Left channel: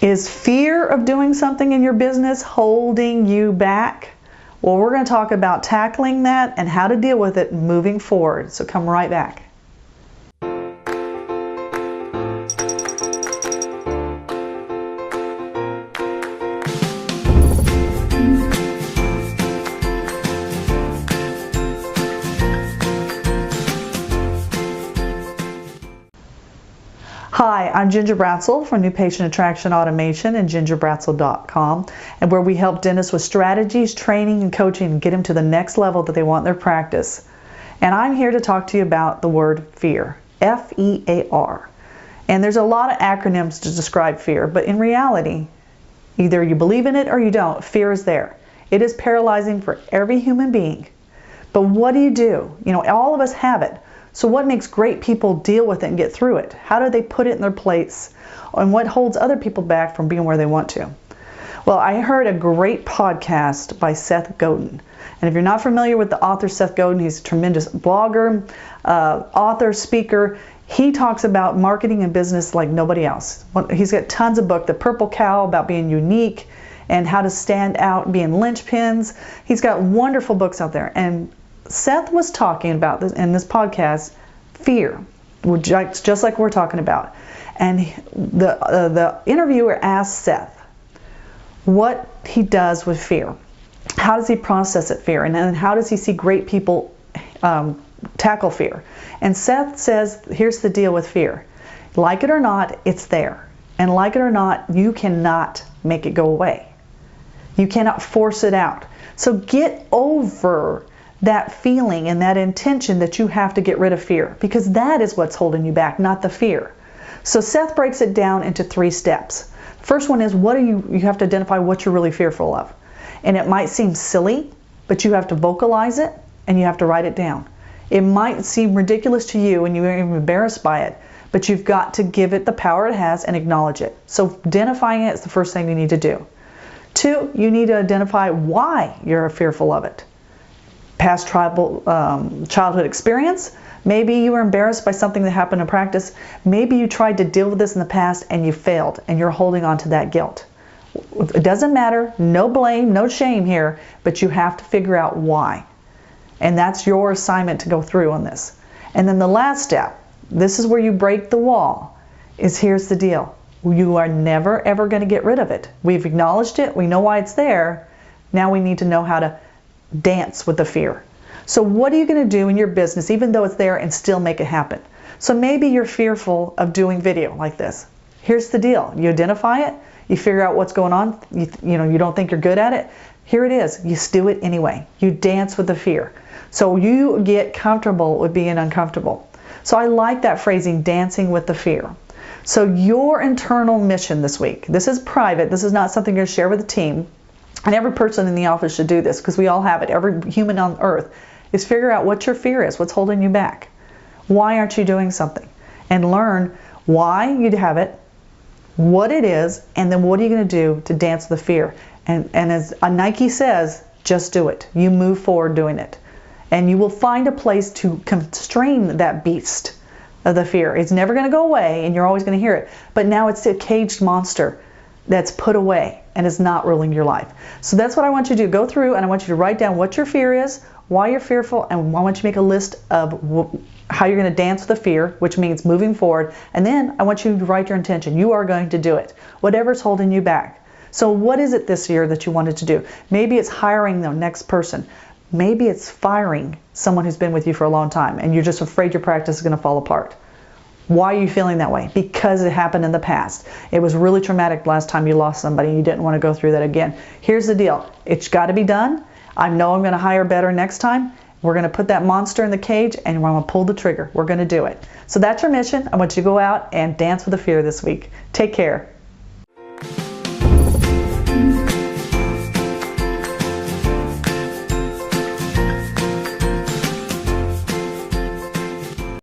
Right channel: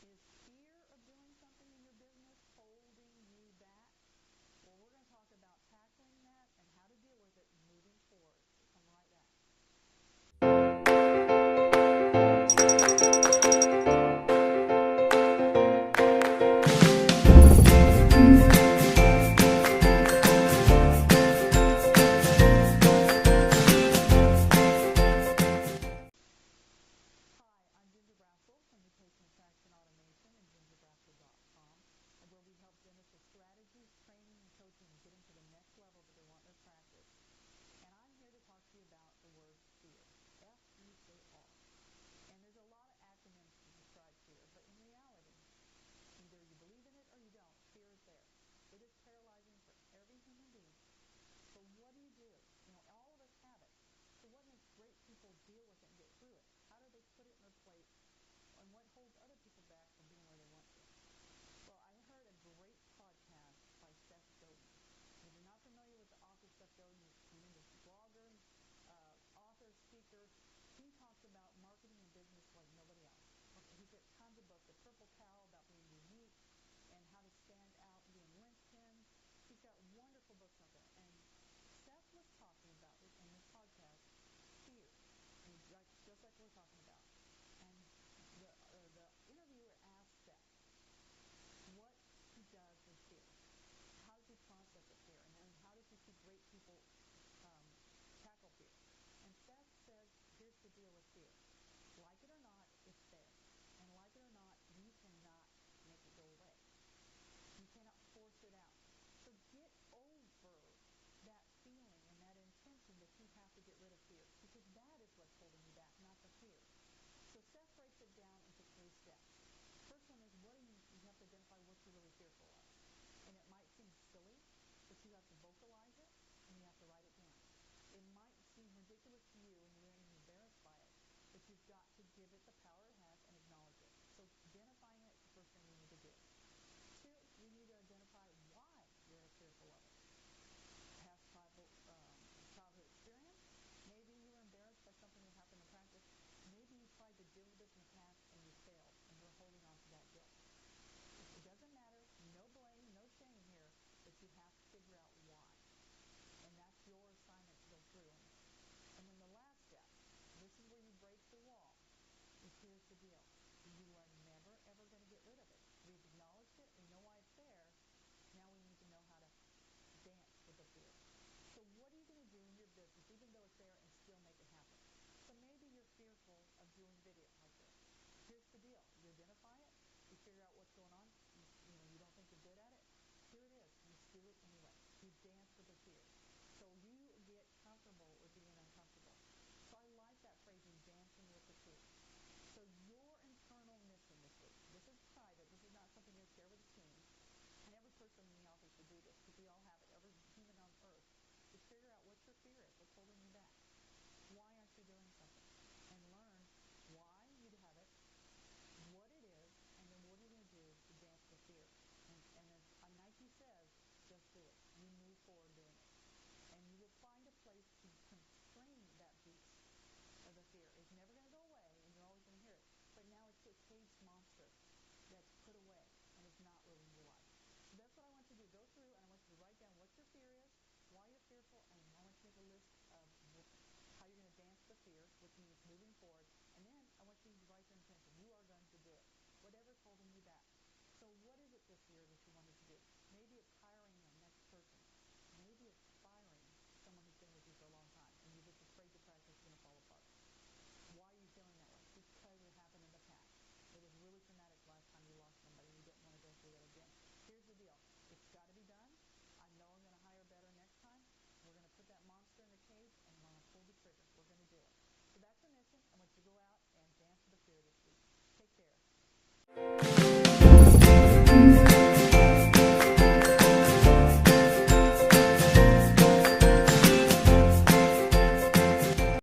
Is fear of doing something in your business holding you back? Well, we're going to talk about tackling that and how to deal with it moving forward. So come right back. Hi, I'm Ginger Bratzel from New Patient Attraction Automation and gingerbratzel.com, and where we help dentists with strategies, training, and coaching to get them to the next level that they want in their practice. And I'm here to talk to you about the word fear, F-E-A-R. And there's a lot of acronyms to describe fear, but in reality, either you believe in it or you don't, fear is there. It is paralyzing for every human being. But what do? You know, all of us have it. So what makes great people deal with it and get through it? How do they put it in their place? And what holds other people back from being where they want to? Well, I heard a great podcast by Seth Godin. And if you're not familiar with the author Seth Godin, he's a tremendous blogger, author, speaker. He talks about marketing and business like nobody else. He's got tons of books. The Purple Cow, about being unique and how to stand out, being linchpins. He's got wonderful books out there. And Seth was talking about this in this podcast, fear, just like we're talking about. And the interviewer asked Seth what he does with fear. How does he process it, fear? And then how does he see great people tackle fear? And Seth says, here's the deal with fear. Like it or not, it's there. And like it or not, you cannot make it go away. You cannot force it out. So get over that feeling and that intention that you have to get rid of fear, because that is what's holding you back, not the fear. So Seth breaks it down into 3 steps. First one is you have to identify what you're really fearful of. And it might seem silly, but you have to vocalize it and you have to write it down. It might seem ridiculous to you and you're even embarrassed by it, but you've got to give it the power it has and acknowledge it. So identifying it is the first thing you need to do. 2, you need to identify why you're fearful of it. Past childhood experience. Maybe you were embarrassed by something that happened in practice. Maybe you tried to deal with this in the past and you failed and you're holding on to that guilt. It doesn't matter, no blame, no shame here, but you have to figure out why. And that's your assignment to go through on this. And then the last step, this is where you break the wall, is here's the deal. You are never ever going to get rid of it. We've acknowledged it, we know why it's there. Now we need to know how to dance with the fear. So what are you going to do in your business, even though it's there, and still make it happen? So maybe you're fearful of doing video like this. Here's the deal. You identify it, you figure out what's going on, you don't think you're good at it. Here it is. You do it anyway. You dance with the fear. So you get comfortable with being uncomfortable. So I like that phrasing, dancing with the fear. So your internal mission this week, this is private, this is not something you're going to share with the team. And every person in the office should do this because we all have it. Every human on earth is figure out what your fear is, what's holding you back. Why aren't you doing something? And learn why you have it, what it is, and then what are you going to do to dance the fear. And as Nike says, just do it. You move forward doing it. And you will find a place to constrain that beast of the fear. It's never going to go away and you're always going to hear it. But now it's a caged monster that's put away and is not ruling your life. So that's what I want you to do. Go through and I want you to write down what your fear is, why you're fearful, and I want you to make a list of how you're going to dance with the fear, which means moving forward. And then I want you to write your intention. You are going to do it, whatever's holding you back. So what is it this year that you wanted to do? Maybe it's hiring the next person. Maybe it's firing someone who's been with you for a long time and you're just afraid your practice is going to fall apart. Why are you feeling that way? Because it happened in the past. It was really traumatic last time you lost somebody and you didn't want to go through that again. Here's the deal. It's got to be done. I know I'm going to hire better next time. We're going to put that monster in the cage and we're going to pull the trigger. We're going to do it. So that's your mission. I want you to go out and dance with the fear this week. Take care.